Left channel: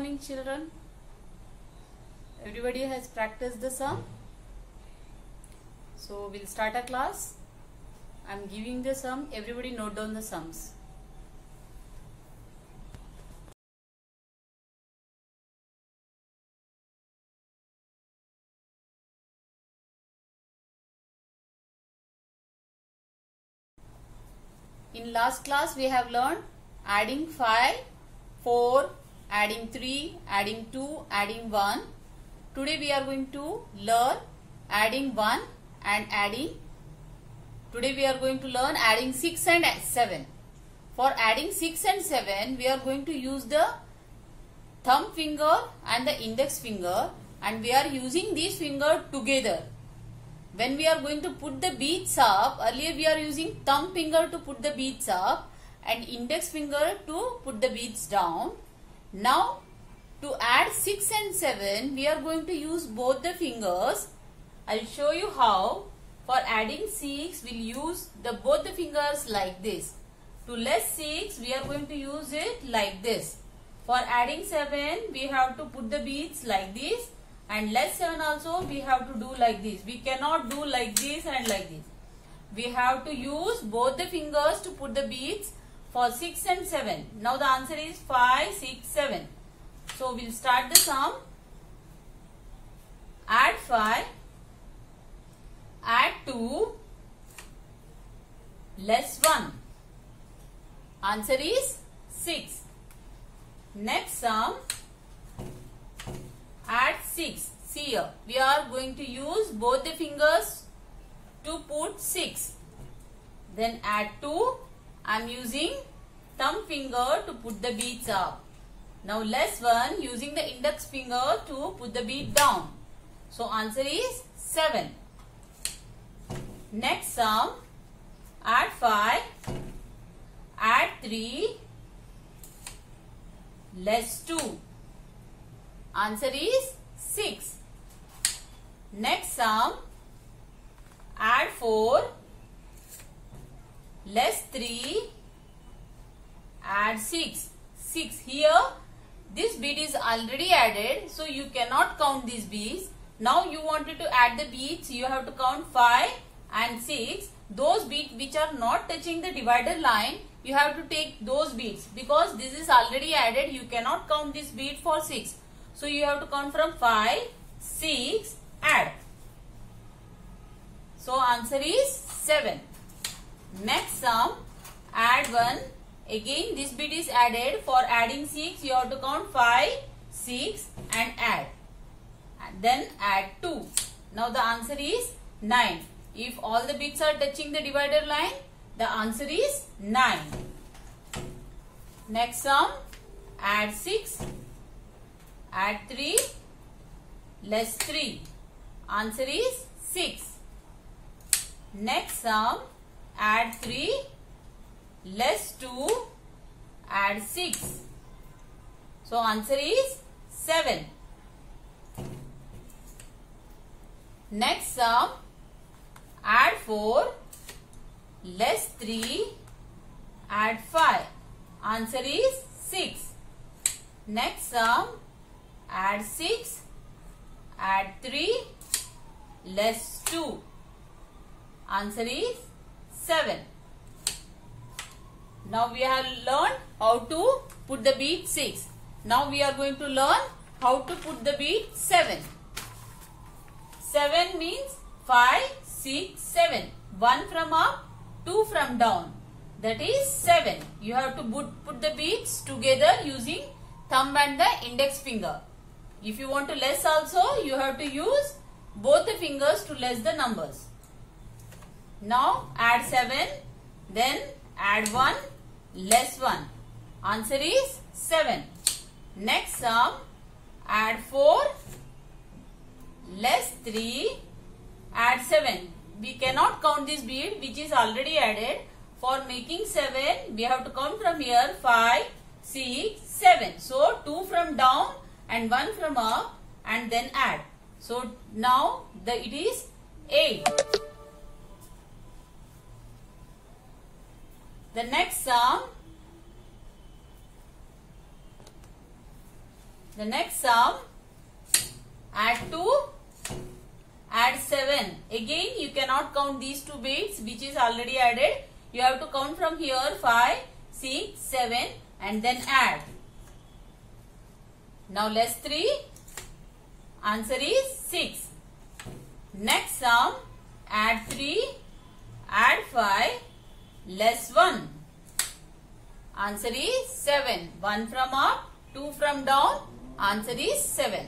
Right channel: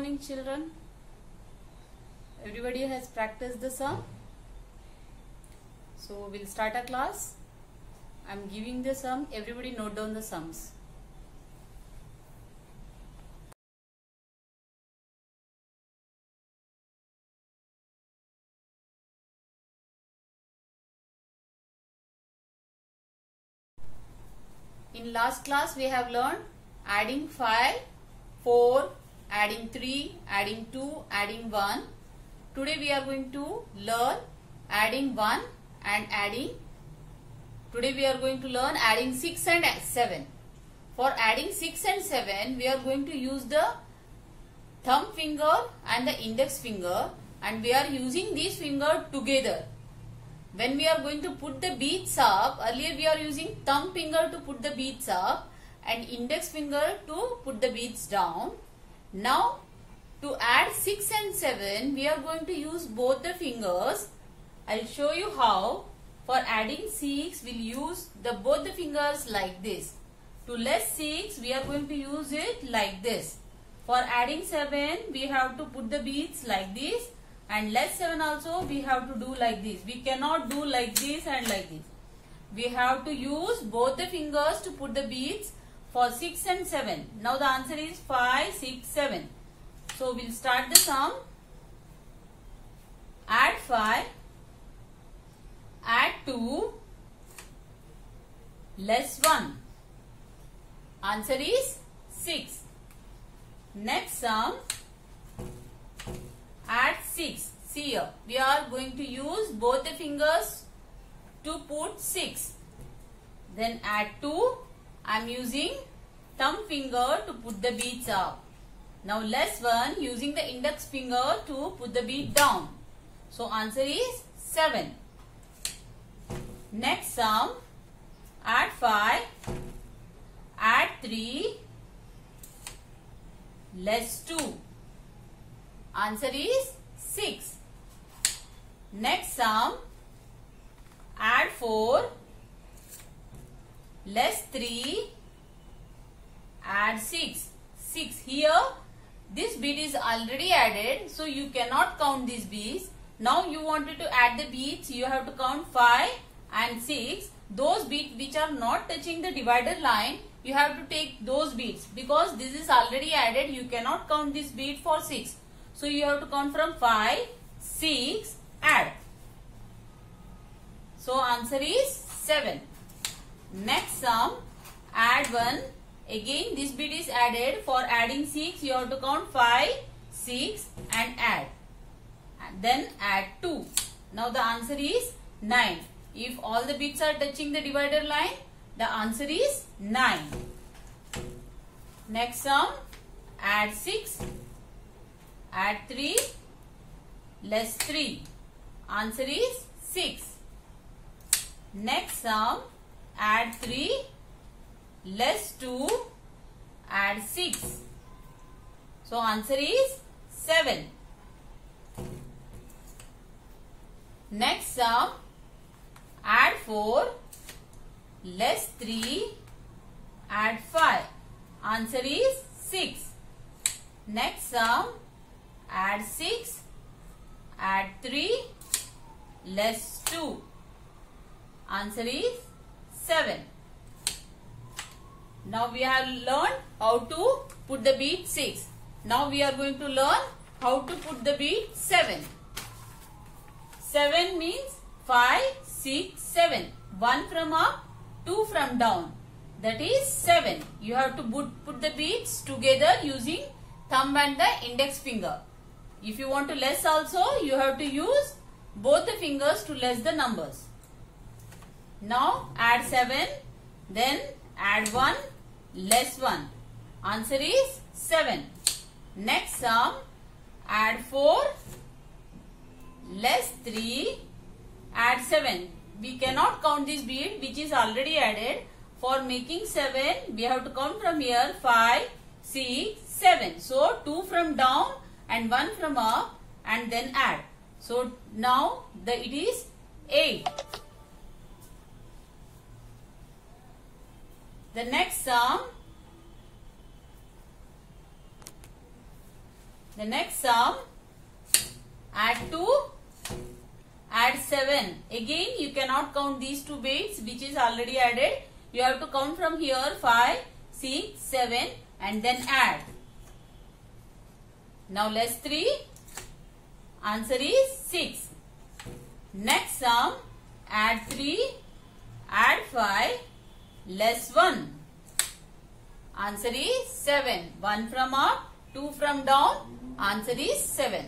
morning, children. Everybody has practiced the sum. So we'll start our class. I'm giving the sum. Everybody note down the sums. In last class we have learned adding 5, 4, adding 3, adding 2, adding 1. Today we are going to learn adding 1 and adding. Today we are going to learn adding 6 and 7. For adding 6 and 7 we are going to use the thumb finger and the index finger, and we are using these fingers together. When we are going to put the beads up, earlier we are using thumb finger to put the beads up and index finger to put the beads down. Now to add 6 and 7 we are going to use both the fingers. I'll show you how. For adding 6 we'll use both the fingers like this. To less 6 we are going to use it like this. For adding 7 we have to put the beads like this, and less 7 also we have to do like this. We cannot do like this and like this. We have to use both the fingers to put the beads for 6 and 7. Now the answer is 5, 6, 7. So we'll start the sum. Add 5, add 2, less 1. Answer is 6. Next sum. Add 6. See here, we are going to use both the fingers to put 6. Then add 2. I am using thumb finger to put the beads up. Now less 1, using the index finger to put the bead down. So answer is 7. Next sum. Add 5. Add 3. Less 2. Answer is 6. Next sum. Add 4. Less 3. Add 6. 6. Here this bead is already added, so you cannot count these beads. Now you wanted to add the beads, you have to count 5 and 6. Those beads which are not touching the divider line, you have to take those beads, because this is already added. You cannot count this bead for 6. So you have to count from 5, 6, add. So answer is 7. Next sum. Add 1. Again this bead is added. For adding 6 you have to count 5, 6 and add. And then add 2. Now the answer is 9. If all the beads are touching the divider line, the answer is 9. Next sum. Add 6. Add 3. Less 3. Answer is 6. Next sum. Add 3. Less 2. Add 6. So answer is 7. Next sum. Add 4. Less 3. Add 5. Answer is 6. Next sum. Add 6. Add 3. Less 2. Answer is 7. Now we have learned how to put the bead 6. Now we are going to learn how to put the bead 7. 7 means 5, 6, 7. 1 from up, 2 from down. That is 7. You have to put the beads together using thumb and the index finger. If you want to less also, you have to use both the fingers to less the numbers. Now add 7. Then add 1. Less 1. Answer is 7. Next sum. Add 4. Less 3. Add 7. We cannot count this bead which is already added. For making 7, we have to count from here 5, 6, 7. So 2 from down and 1 from up, and then add. So now it is 8. The next sum The next sum, add 2, add 7. Again, you cannot count these two bits which is already added. You have to count from here 5, 6, 7 and then add. Now less 3, answer is 6. Next sum, add 3, add 5, less 1. Answer is 7. 1 from up, 2 from down, answer is 7.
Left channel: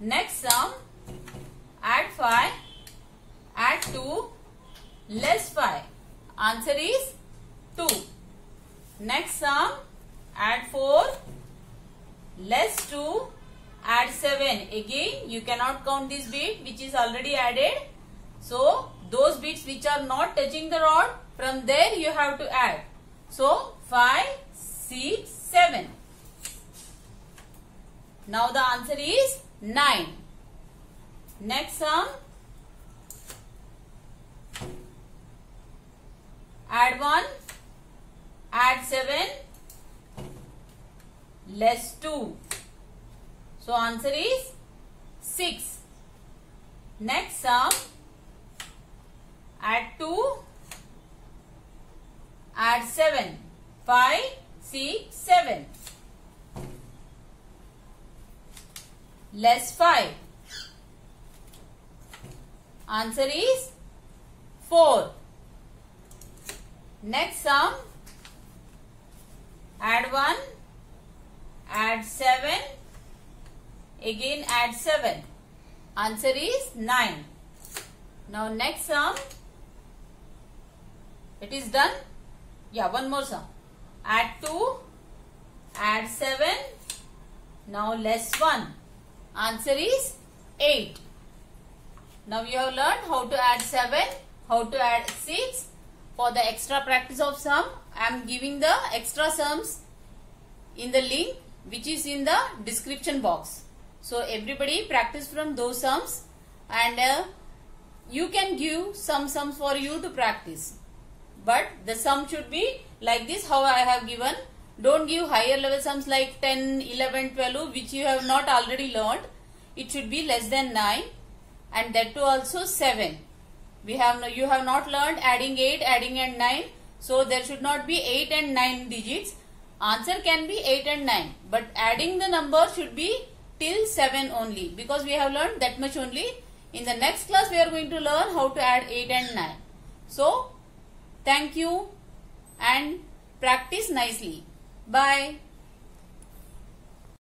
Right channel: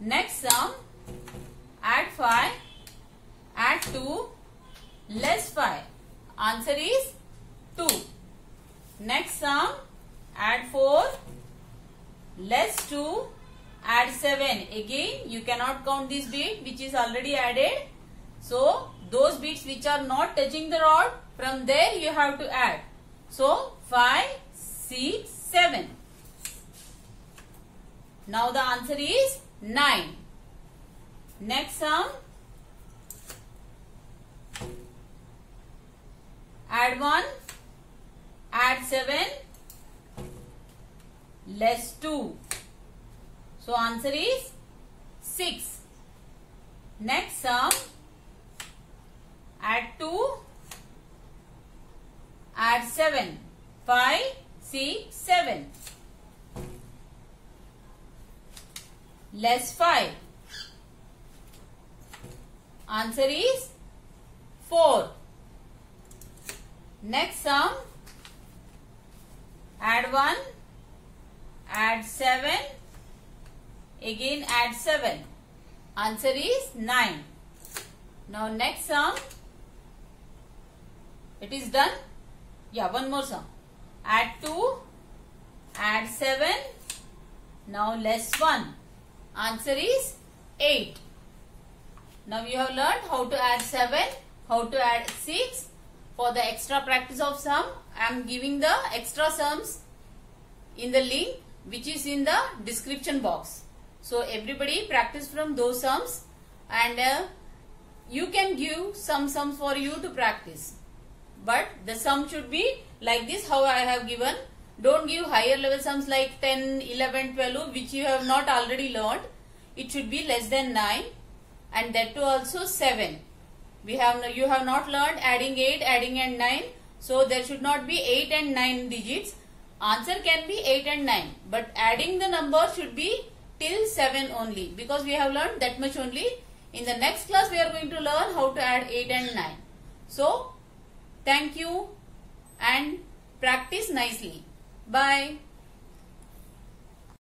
Next sum, add 5, add 2, less 5. Answer is 2. Next sum, add 4, less 2, add 7. Again, you cannot count this bit which is already added. So, those bits which are not touching the rod, from there you have to add. So, 5, 6, 7. Now the answer is 9. Next sum, add 1, add 7, less 2. So answer is 6. Next sum, add 2, add 7, 5, 6, 7. Less 5. Answer is 4. Next sum, add 1, add 7, again add 7. Answer is 9. Now next sum, it is done. Yeah, one more sum. Add 2, add 7, now less 1. Answer is 8. Now you have learned how to add 7, how to add 6. For the extra practice of sum, I am giving the extra sums in the link which is in the description box. So everybody practice from those sums, and you can give some sums for you to practice. But the sum should be like this, how I have given. Don't give higher level sums like 10, 11, 12 which you have not already learned. It should be less than 9, and that too also 7. You have not learned adding 8, adding and 9. So there should not be 8 and 9 digits. Answer can be 8 and 9. But adding the number should be till 7 only. Because we have learned that much only. In the next class we are going to learn how to add 8 and 9. So thank you and practice nicely. Bye.